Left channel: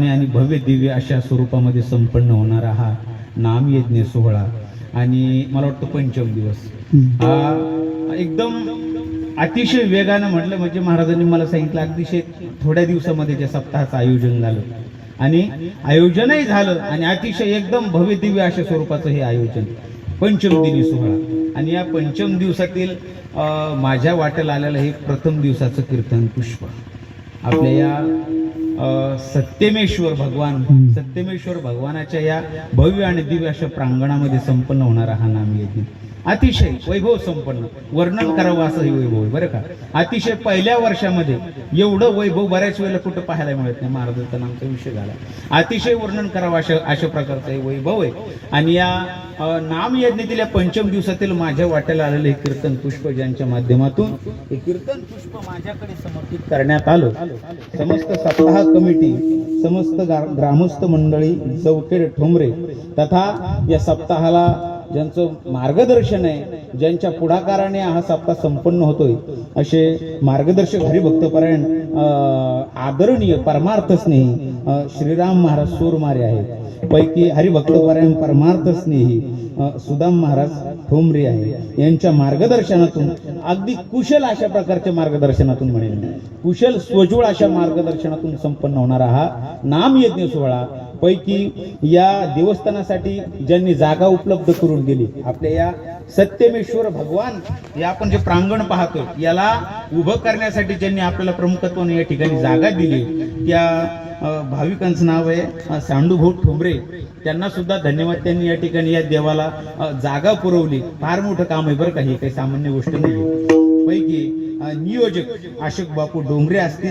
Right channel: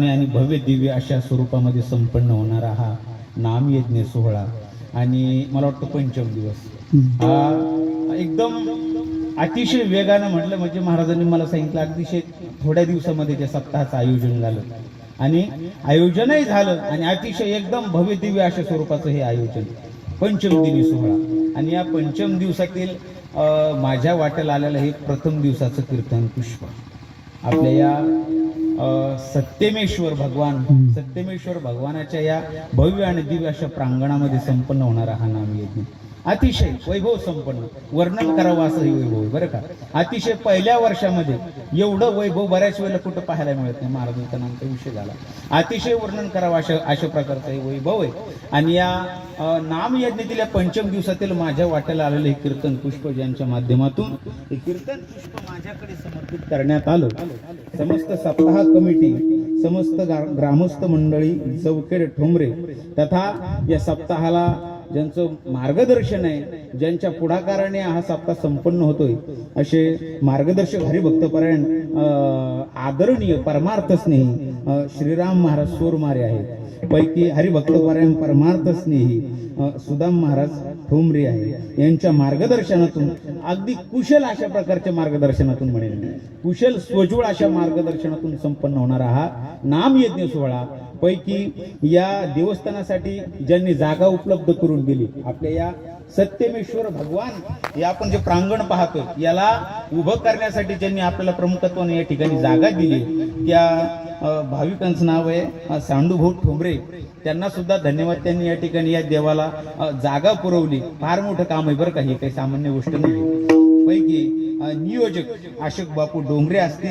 आणि भव्य दिव्य अशा स्वरूपामध्ये संपन्न होणारा हा नामयज्ञ सोहळा आणि मला वाटतं पंचम दिवस हा एकदम अतिशय वेगानं म्हटलं म्हणजे महाराजांनी मला सांगितलं अतिशय थोड्या दिवसामध्ये त्या सप्ताहाचं आयोजन झालं आणि आयोजनही झालं आणि अतिशय एकदम भव्य दिव्य अशा स्वरूपाचं हे आयोजन पंचम दिनी सोहळा आणि या पंचम दिवसातील माझ्या वाट्याला आलेलं हे प्रथम दिवसाचं कीर्तन पुष्प आपल्या या सत्यमेश्वर भगवानाच्या या भव्य आणि दिव्य अशा प्रांगणामध्ये संपन्न होणारा हा नामयज्ञ अतिशय वैभव संपन्न वर्णन करावं असं हे वैभव आहे बरं का. अतिशय पहिल्या वर्षामध्ये एवढं वैभव बऱ्याच वेळेला कुठं पाहायला मिळत नाही. महाराजांचा नामचा विषय झाला अतिशय वर्णन करावं अशा प्रकारचं हे वैभव आहे. आणि या नामयज्ञातील या पंचम दिवसातील माझ्या वाट्याला आलेलं हे कीर्तन पुष्प ज्यांच्या माध्यमातून हे कीर्तन पुष्प माझ्याकडे समर्पित करण्यात आलं. समस्त सप्ताह कमिटी समस्त ग्रामस्थ मंडळी चौकेड ठोंबरे तथा या सप्ताहाला ज्यांचं मार्गदर्शन आहे ज्यांच्या पुढाकाराने हा सप्ताह संपन्न होतोय असे मार्गदर्शक हरिभक्तपरायण आदरणीय परमार्थ स्नेही श्रीराम महाराज सोरमारे आहेत. पैकी हरिभक्तपरायण परमार्थ स्नेही सुदाम महाराज ठोंबरे आहे. यांच्या मार्गदर्शनातून अगदी कुशल अशा प्रकारच्या मार्गदर्शनातून म्हणेल कुशल स्वजूळ अशा मार्गदर्शनातून संपन्न होणारा हा नामयज्ञ सोहळा पैकी या देवस्थानासाठी ज्यांनी जागा उपलब्ध करून दिली आपल्या या सत्यमेश्वर भगवान हे आपण जे प्रांगण पाहतोय याला उभं करण्यासाठी ज्यांनी आपल्याला प्रमुखत्वाने या ठिकाणी जागा दिली त्या भाविकांचं नाव आहे सांडूभाऊ ठोंबरे. त्यांना सुद्धा धन्यवाद. त्यांनी या ठिकाणी या देवाला जागा पुरवली. फार मोठं काम आहे बरं का. ही काही सामान्य गोष्ट नाही. पैकी नियोजक अशोक बापू डोंगरे असतील